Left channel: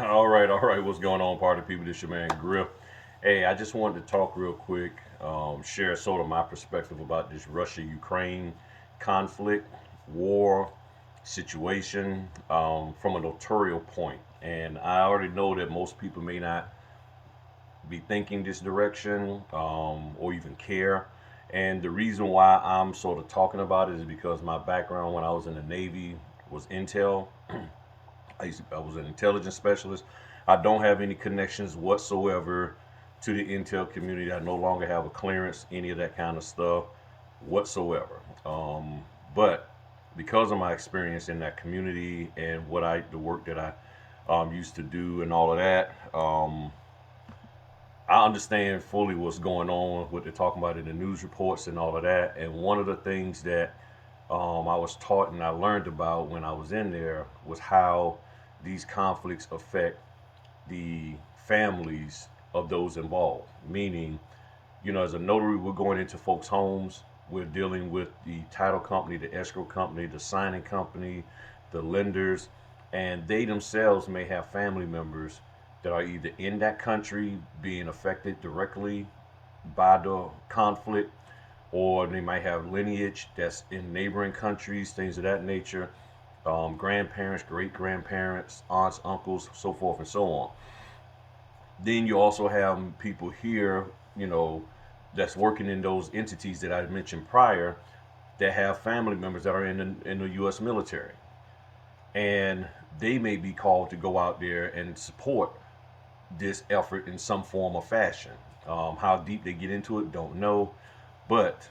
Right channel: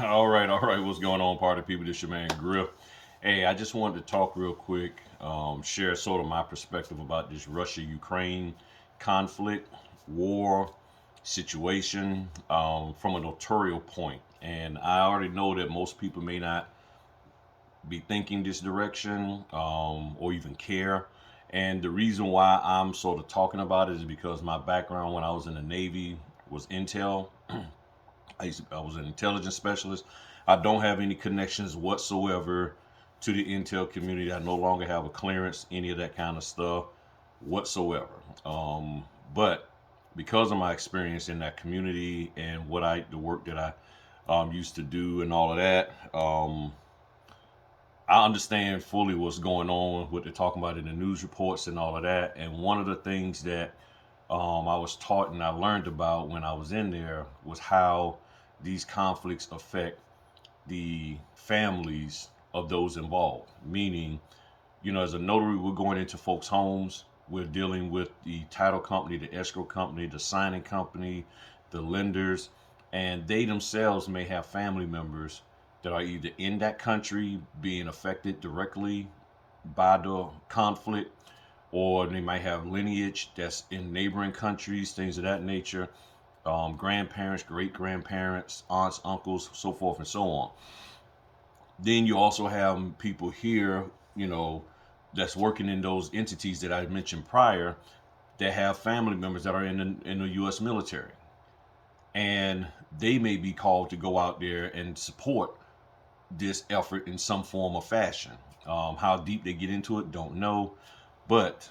All right. What's going on, party people? This your man Griff. Hey, I just wanted to talk real quick, share sort of my perspective about this Russia-Ukraine conflict, war situation from a notarial point. And I already know that most people may not be thinking this direction or even care. And the reason why I'm sort of talking about it is because my background when I was in the Navy was intel. I was an intelligence specialist. I don't have any connections whatsoever to the intel community. I no longer have a clearance, any of that kind of stuff whatsoever. But because of my experience in that community and the work that I used to do and all of that, I understand fully what's going on, what they're talking about in the news reports and all of that. And one of the things that I was taught and I learned about when I was in there was how these conflicts affect the families of those involved. Meaning, as a notary, we're going into folks' homes, we're dealing with the title company, the escrow company, the signing company, the lenders, and they themselves may have family members that are either in that country being affected directly by the conflict, or they might have lineage that's in neighboring countries, things of that nature, grandparents, great grandparents, aunts, uncles, so forth and so on. Then you also have people here, you know, that's working in those entities that I mentioned prior that have family members that are in the U.S. military, and they may be called to go out there and support this effort in some form or fashion. How deep they get into it, don't know, but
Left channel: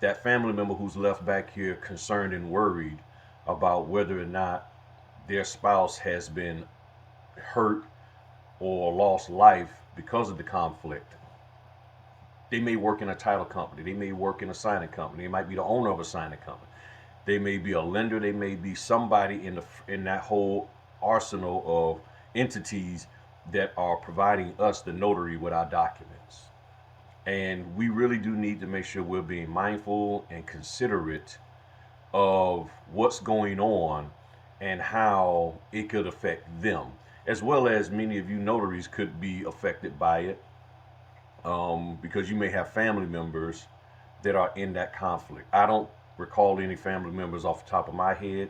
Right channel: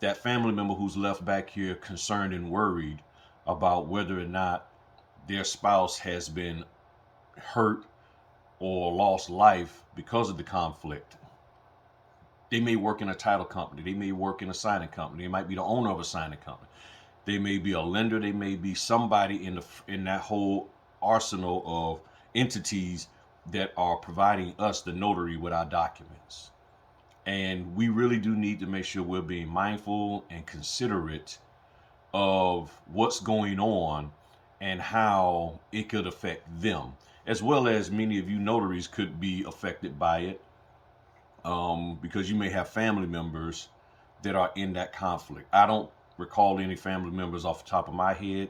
that family member who's left back here concerned and worried about whether or not their spouse has been hurt or lost life because of the conflict. They may work in a title company, they may work in a signing company, they might be the owner of a signing company, they may be a lender, they may be somebody in that whole arsenal of entities that are providing us, the notary, with our documents. And we really do need to make sure we're being mindful and considerate of what's going on and how it could affect them, as well as many of you notaries could be affected by it, because you may have family members that are in that conflict. I don't recall any family members off the top of my head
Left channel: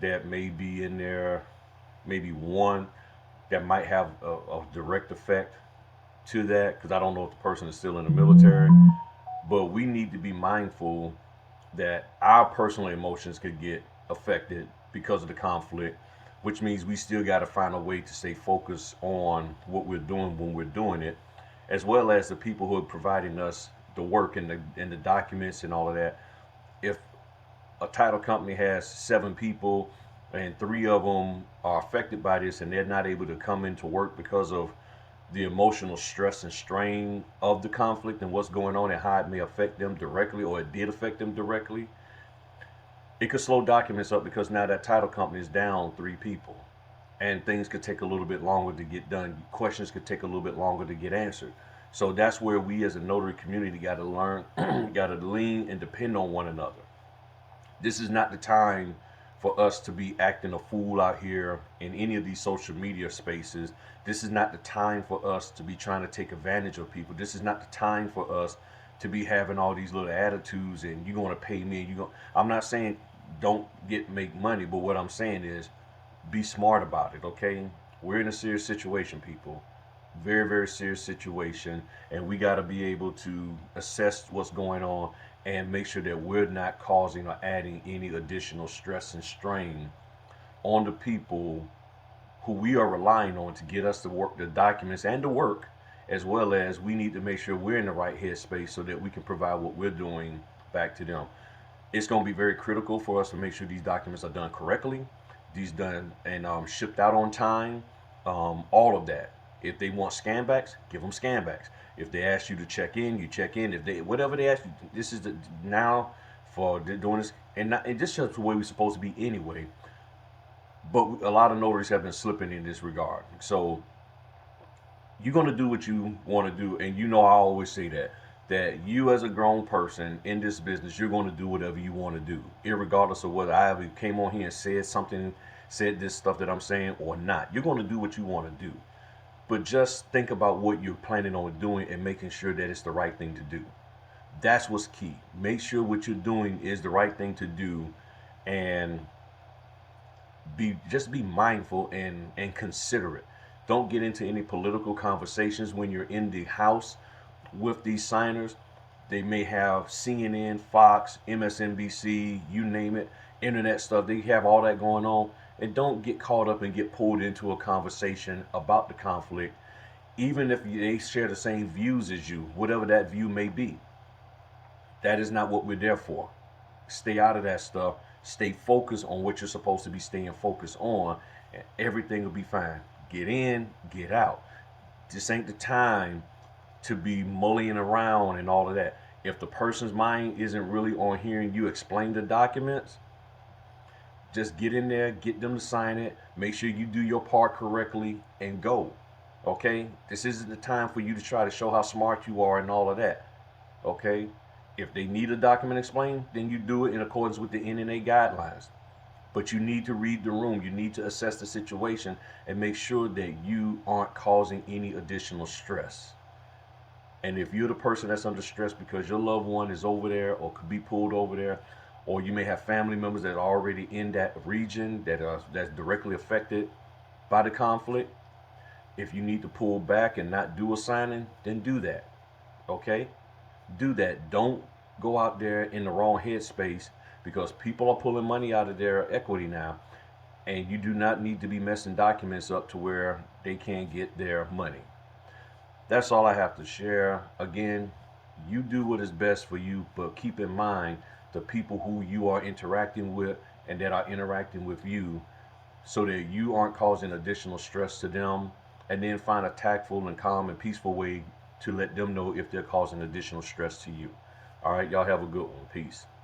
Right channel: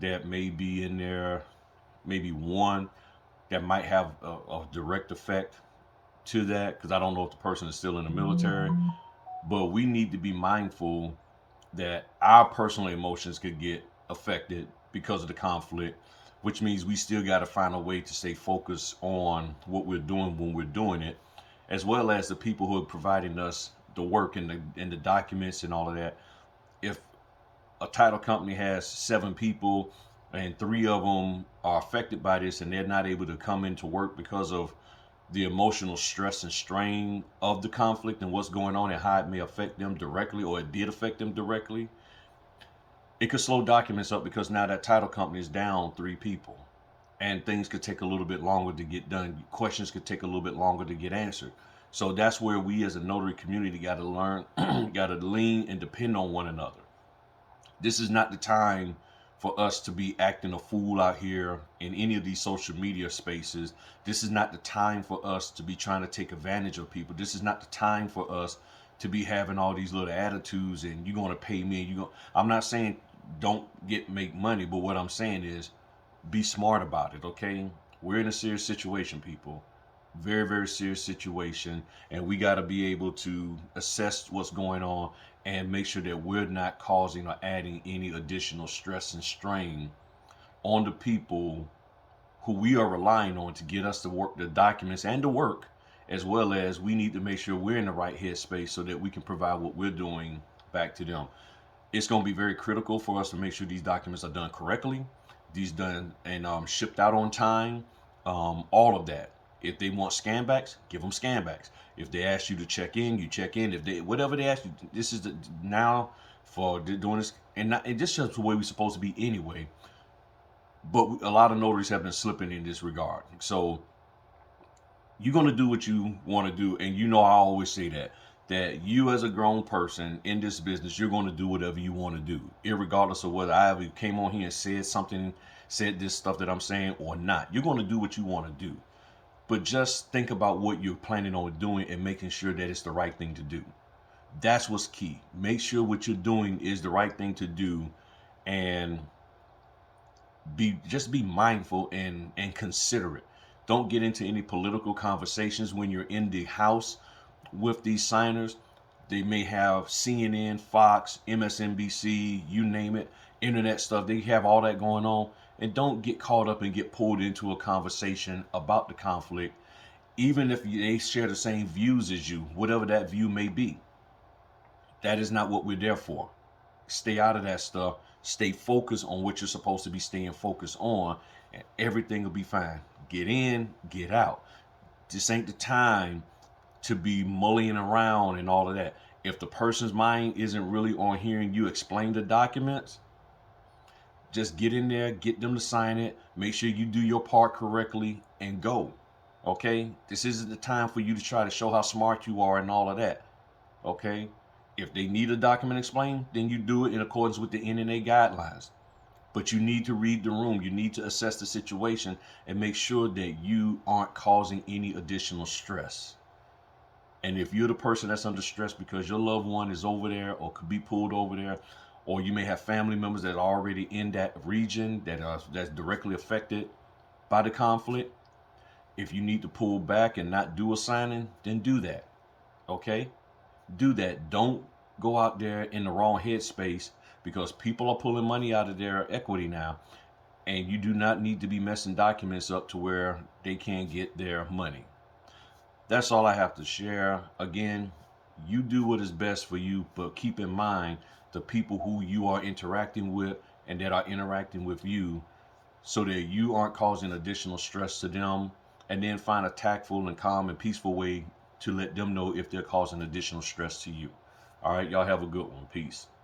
that may be in there, maybe one that might have a direct effect to that, because I don't know if the person is still in the military. But we need to be mindful that our personal emotions could get affected because of the conflict, which means we still got to find a way to stay focused on what we're doing when we're doing it, as well as the people who are providing us the work and the documents and all of that. If a title company has 7 people and 3 of them are affected by this and they're not able to come into work because of the emotional stress and strain of the conflict and what's going on and how it may affect them directly, or it did affect them directly, it could slow documents up because now that title company is down 3 people, and things could take a little bit longer to get done. Questions could take a little bit longer to get answered. So that's where we as a notary community got to learn, got to lean and depend on one another. This is not the time for us to be acting a fool out here in any of these social media spaces. This is not the time for us to be trying to take advantage of people. This is not the time for us to be having all these little attitudes and you're going to pay me. I'm not saying don't make money, but what I'm saying is be smart about it, okay? We're in a serious situation, people. Very, very serious situation, and we got to be able to assess what's going on and make sure that we're not causing or adding any additional stress and strain on the people who we are relying on to get us the work, the documents, and the work, as well as we need to make sure we're in the right headspace so that we can provide what we're doing back to them. It's going to be very critical for us to make sure these documents are done correctly, these done and shipped out on time, all of that. If they want scanbacks, give them scanbacks. If they ask you to check in, you check in. If they whatever they ask you, this is the now for doing this, and this is the way we're supposed to be anyway. But a lot of notaries have been slipping in this regard. So you're going to do what you want to do, and I always say that you as a grown person in this business, you're going to do whatever you want to do, regardless of whether I ever came on here and said something said this stuff that I'm saying or not. You're going to do what you want to do. But just think about what you're planning on doing and making sure that it's the right thing to do. That's what's key. Make sure what you're doing is the right thing to do, and be mindful and considerate. Don't get into any political conversations when you're in the house with these signers. They may have CNN, Fox, MSNBC, you name it, internet stuff. They have all that going on. And don't get caught up and get pulled into a conversation about the conflict, even if they share the same views as you, whatever that view may be. That is not what we're there for. Stay out of that stuff. Stay focused on what you're supposed to be staying focused on, and everything will be fine. Get in, get out. This ain't the time to be mullying around and all of that. If the person's mind isn't really on hearing you explain the documents, just get in there, get them to sign it, make sure you do your part correctly, and go. Okay? This isn't the time for you to try to show how smart you are and all of that. Okay? If they need a document explained, then you do it in accordance with the NNA guidelines. But you need to read the room. You need to assess the situation and make sure that you aren't causing any additional stress. And if you're the person that's under stress because your loved one is over there or could be pulled over there, or you may have family members that are already in that region that's directly affected by the conflict, if you need to pull back and not do a signing, then do that. Okay? Do that. Don't go out there in the wrong headspace, because people are pulling money out of their equity now, and you do not need to be messing documents up to where they can't get their money. That's all I have to share. Again, you do what is best for you, but keep in mind the people who you are interacting with and that are interacting with you, so that you aren't causing additional stress to them, and then find a tactful and calm and peaceful way to let them know if they're causing additional stress to you. All right, y'all have a good one. Peace.